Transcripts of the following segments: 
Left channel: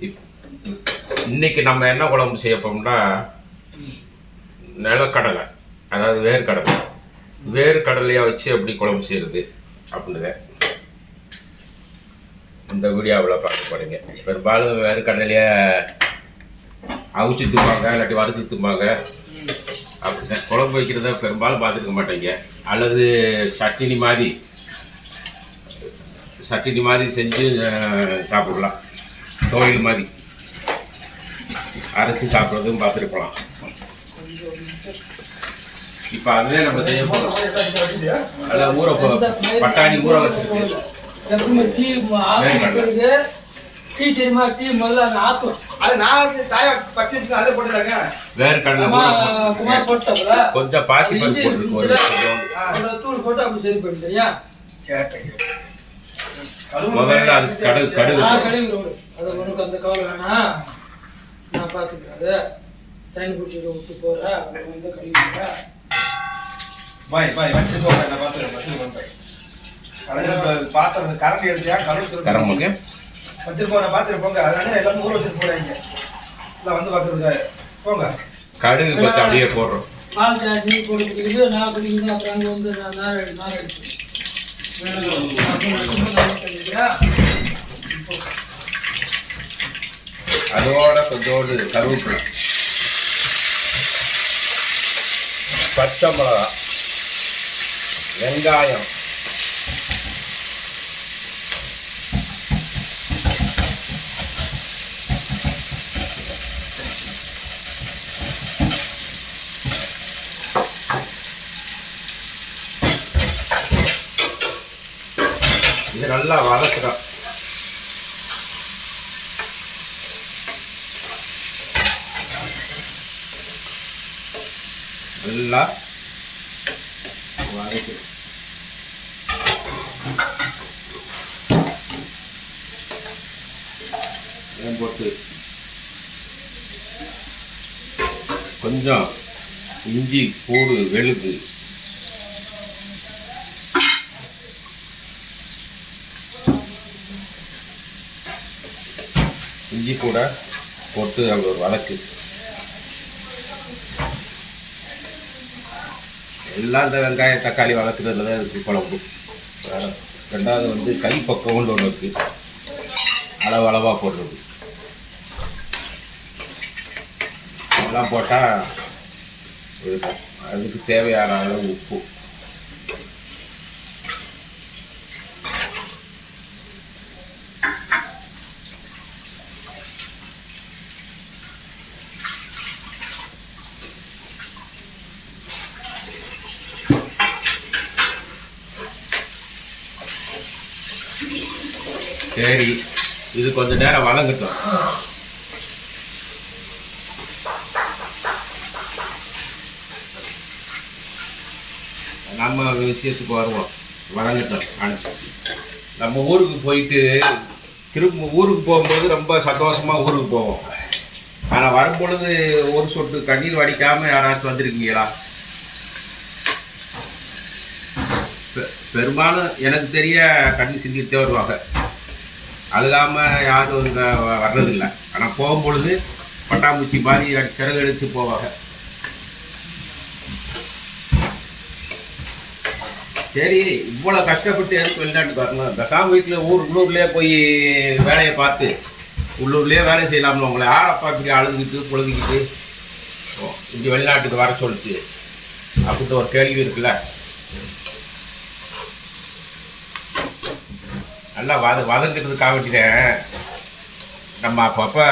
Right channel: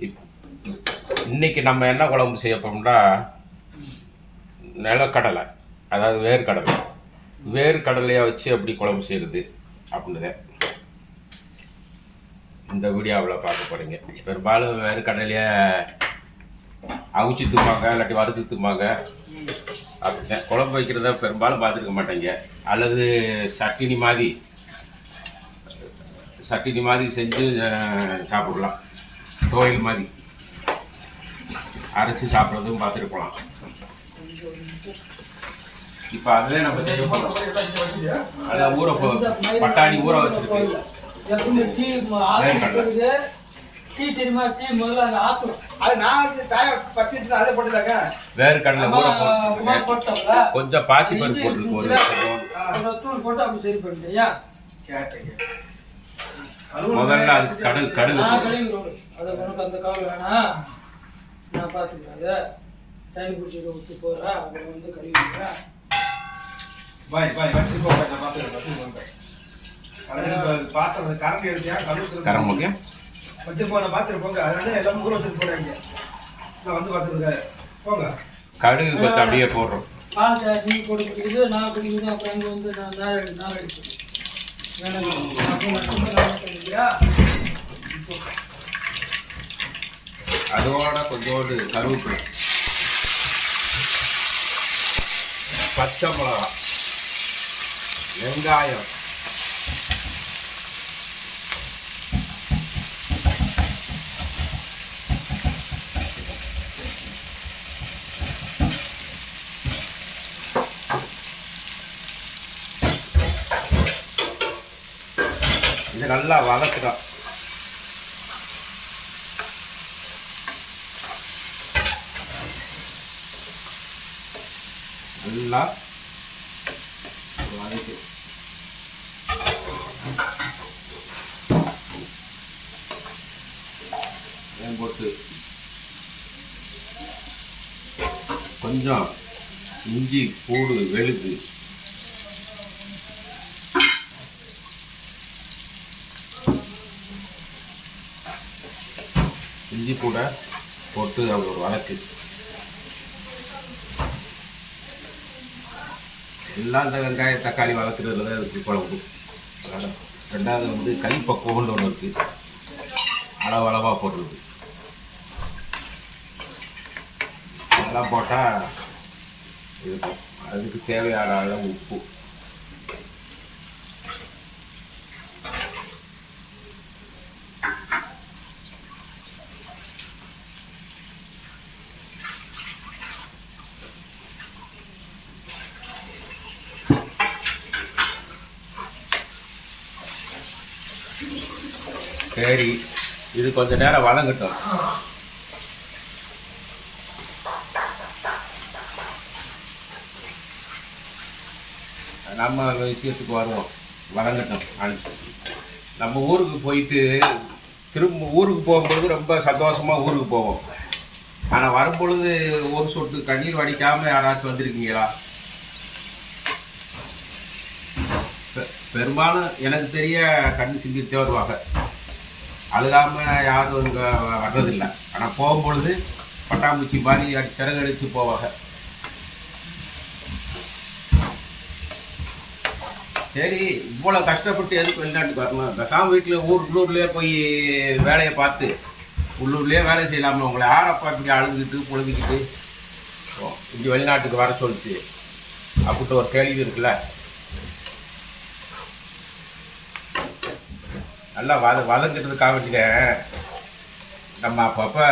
இப்- இன்னைக்கு நம்ம என்ன குழம்பு செய்யப்போம்னா நிலக்கடலை. அதாவது வேர்க்கடலை. வேர்க்கடலையாக வச்சு எப்படி குழம்பு செய்கிறது அப்படின்றத இந்த வீடியோவில் பார்க்க போகிறீங்க பெரும்பாலும் வேர்க்கடலையை அவிச்சு திம்பாங்க இல்லாட்டி வறுத்து திம்பாங்க. அப்படிதான். குழம்பு வைக்கிறத பெரும்பாலும் பார்த்துருக்க மாட்டேங்க. அல்லது சட்டினி மாதிரி சட்டினி மாதிரி செஞ்சு சாப்பிடலாம். தோயில் மாதிரி அரைச்சி சாப்பிட்றதும் பார்த்துருக்கலாம் இப்போ அதுவே நம்ம செய்ய போகிறோம் அதில் ஊற போ- பட்டாணி ஊற வச்சிருக்கு எப்பவுமே டீ இருக்குது. டீ தெரியுமா டீ முதல்ல அங்க ஆத்தும் அது நான் சாயா பத்தி அதிலே போட்டுதாங்க. ஊற போ- குமார் போட்டதுல கொஞ்சம் பாசி பருப்பு போட்டுருக்கு ஒரு. தூள் போட்டு அப்படி சரி பண்ணிட்டேன் ஏன் கேட்டேன், முதல்ல அது கடுகு கடுகு நான் போடு. கழுவி விடு அது உனக்கு அந்த கவலை வேணாம் நான் பார்த்துக்கிறேன் அதை தண்ணி பிடிச்சி விட்டு போகிறேன் அப்புறம் வந்து கழுவி. பாய், பாய், வச்சிட்டு போங்க, நான் பார்த்துக்கிறேன், வச்சிட்டு போங்க. கழுவு இப்ப பாத்திரம், கரண்டி எடுத்தியா, கழுவு திரும்ப. வச்சிட்டு போங்க, நான் பார்த்துட்டு போங்க. அதனால எல்லாரும் ஊற வச்சிட்டு போறாங்க. நான் வந்து பார்த்துருக்கேன். போங்க. கடுகு கொஞ்சம் அப்படியே போடுறோம் சாய் டீ போட்டு குடிக்குது நான் குடிக்குது அப்புறம் அங்கே வந்து நான் நார் நார் எடுத்து அதோட கொஞ்சோடு கருவேப்பிலை. பச்சை மிளகா வெங்காயம் இது நல்லா வதக்குறோம் நல்லா வதக்கு. போட்டு. கொஞ்சம் இஞ்சி பூடு வெளுது இஞ்சி கூட போட்டு அது ஒரு வழக்கு எல்லாம் இந்த வெங்காயம் தக்காளி வளர்க்குறதுல தான் இருக்குது குழம்பு. ரெண்டாவது வந்து கை பக்கம்னு ஒன்று இருக்குது அளவு அளவாக போடுறது. அதெல்லாம் போட்டால் இருக்கும் அதுக்கு தேவையான அளவு உப்பு. சரி இது கொஞ்ச நேரம் வதங்கட்டும் நம்ம விஷயத்துக்கு வருவோம். வதங்கட்டும் நம்ம ஊருக்கு போயிட்டு திரும்ப ஊருக்கு போகும்போது ரொம்ப சந்தோஷமாக ஊருக்கு போவோம். ஆனால் வரும்பொழுது ஒரு சொட்டு கண்ணீர் வடிக்காமல் யாராச்சும் வந்திருக்கீங்களா? பெ- பெரும்பாலும் எனக்கு தெரிய கண்ணி சிந்தித்தே வருவாங்க. அழுகாம யாரும் இங்கே வர்றதில்லை. ஆனால் போகும்பொழுது பட்டாம்பூச்சி மாதிரி அடி சிறகு அடித்து போவாங்க. சரி இவ்வளோ கஷ்டப்பட்டு எதுக்கு வெளிநாட்டுக்கு வரணும்? பேசாம வீட்டில் ஊர் உள்ளூர்லேயே போய் வேலையை பார்த்து உள்ளூர்லேயே வேலை செய்யலாம்னு உங்களை யாரப்பா இப்படி அழுதுகிட்டு புழுதிக்கிட்டு இங்கே வெளிநாட்டுக்கு வர சொல்லிச்சு அப்படின்ட்டு ஒரு கேள்வி இருக்குல்ல? நல்லா வத வதங்கிறதுக்காக வேண்டியேன் நம்ம அப்பப்போ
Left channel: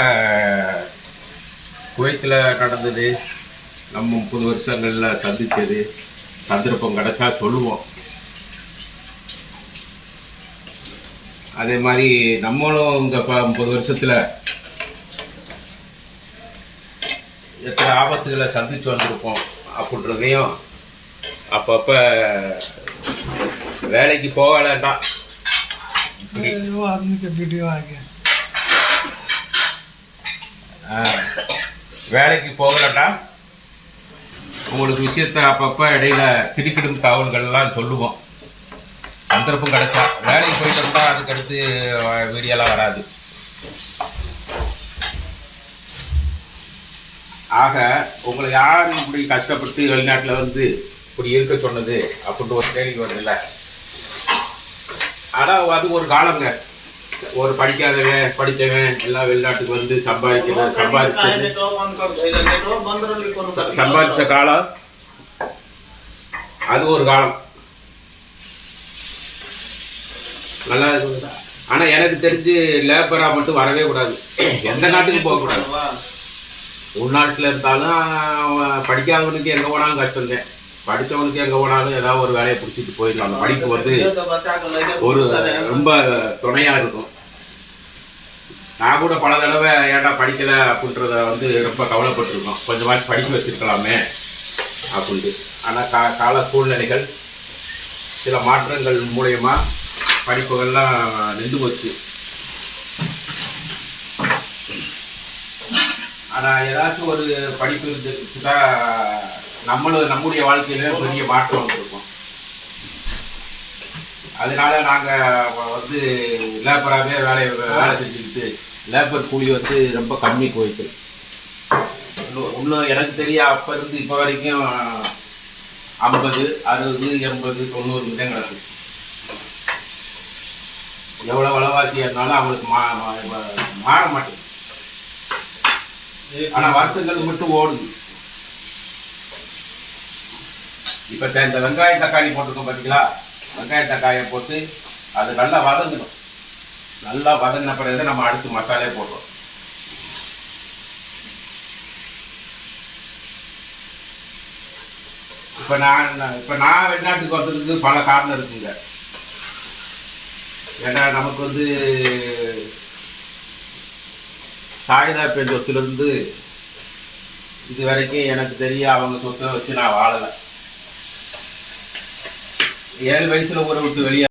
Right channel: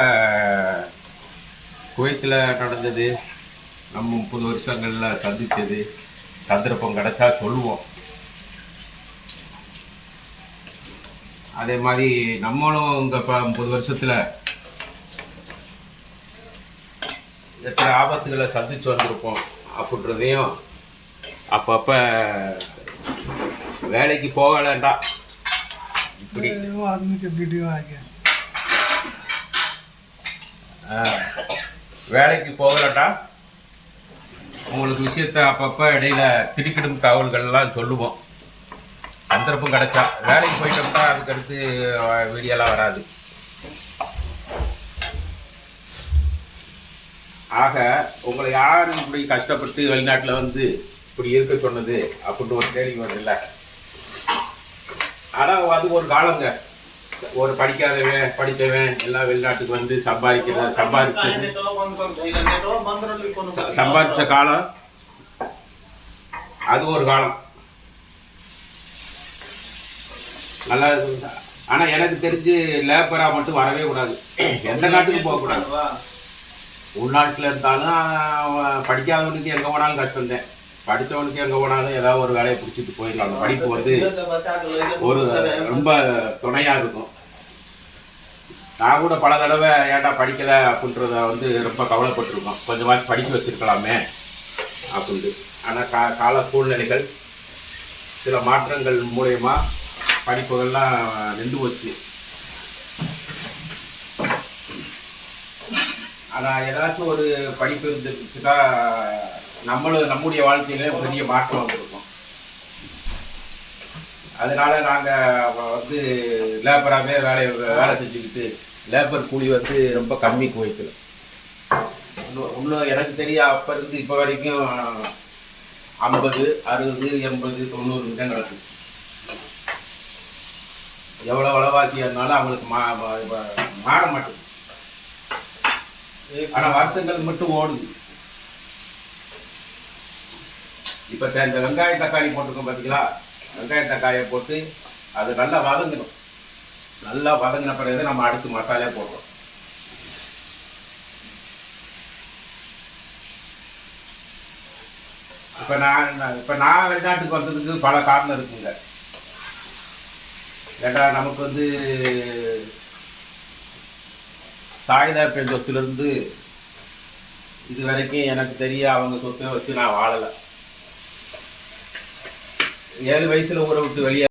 குவைத்தில் நடந்தது நம்ம முப்பது வருஷங்களில் சந்தித்தது சந்தர்ப்பம் கிடைச்சா சொல்லுவோம். அதே மாதிரி நம்மளும் இந்த முப்பது வருஷத்தில் எத்தனை ஆபத்துகளை சந்திச்சு வந்திருப்போம் அப்படின்றதையும் அப்பப்போ வேலைக்கு போக வேண்டாம். वो आदमी के वीडियो आ गया ஆ, வேலைக்கு போகலட்டா உங்களுக்கு விஷயத்த அப்பப்போ இடையில திடுக்கிடும் தகவல்கள்லாம் சொல்லுவோம் சந்தர்ப்பம் கிடைச்சா வேலைக்கு போயிட்டோம்னா அதுக்கடுத்து வீடியோலாம் வராது ஆக உங்களை யார் இப்படி கஷ்டப்பட்டு வெளிநாட்டில் வந்து இப்படி இருக்க சொன்னது அப்படின்ட்டு ஒரு கேள்வி வருதுல்ல ஆனால் அது ஒரு காலங்க. ஒரு படிக்காதவன் படித்தவன் எல்லாம் வெளிநாட்டுக்கு வந்து சம்பாதிக்கிறது சம்பாதிச்சது சம்பாதிச்ச காலம் அது ஒரு காலம். நல்லா இருக்கு. ஆனா எனக்கு தெரிஞ்சு லேபரா மட்டும் வரவே கூடாது. எந்த நாட்டுக்கு போகக்கூடாது உள்நாட்டில் இருந்தாலும் படிக்காதவனுக்கு எங்கே போனாலும் கஷ்டம்தான். படித்தவனுக்கு எங்கே போனாலும் ஏதாவது ஒரு வேலையை பிடிச்சிட்டு போயிடலாம். அந்த படிப்பு வந்து ஒரு ரொம்ப துணையா இருக்கும். நான் கூட பல தடவை ஏன்டா படிக்கலை அப்படின்றத வந்து ரொம்ப கவலைப்பட்டிருக்கோம். கொஞ்சமாச்சும் படிக்க வச்சிருக்கலாமே அப்படின்ட்டு ஆனால் கா கால சூழ்நிலைகள் சில மாற்றங்கள் மூலயமா படிப்புகள்லாம் நின்று போச்சு. ஆனால் ஏதாச்சும் ஒரு படிப்பு இருந்துச்சுன்னா நம்மளும் நம்முடைய வாழ்க்கையில பெரிய மாற்றம் வந்திருக்கும். அதனால நாங்கள் வந்து லேபராகவே வேலை வேலை செஞ்சுக்கிட்டு லேபர் கூலி வந்து ரொம்ப கம்மி போயிட்டு இன்னும் இன்னும் எனக்கு தெரிய அப்போ இருந்து இப்போ வரைக்கும் ஐம்பது அறுபது எண்பது தொண்ணூறு விதம் கிடக்கு எவ்வளோ விலைவாசியாக இருந்தாலும் அவங்களுக்கு மா மா- மாற மாட்டேங்குது. ஆனால் வருஷங்கள் மட்டும் ஓடுது. இப்போ இந்த வெங்காயம் தக்காளி போட்டிருக்கோம் பார்த்தீங்களா வெங்காய தக்காளியை போட்டு அது நல்லா வதங்கணும். நல்லா வதங்கின பிறகு நம்ம அடுத்து மசாலே போடுறோம். இப்போ நான் இப்போ நான் வெளிநாட்டுக்கு வந்ததுக்கு பல காரணம் இருக்குங்க. ஏன்னா நமக்கு வந்து தாய்தார் பெண் சொத்துலேருந்து இது வரைக்கும் எனக்கு தெரிய அவங்க சொத்தை வச்சு நான் வாழலை. ஏழு வயசுல ஊரை விட்டு வெளியே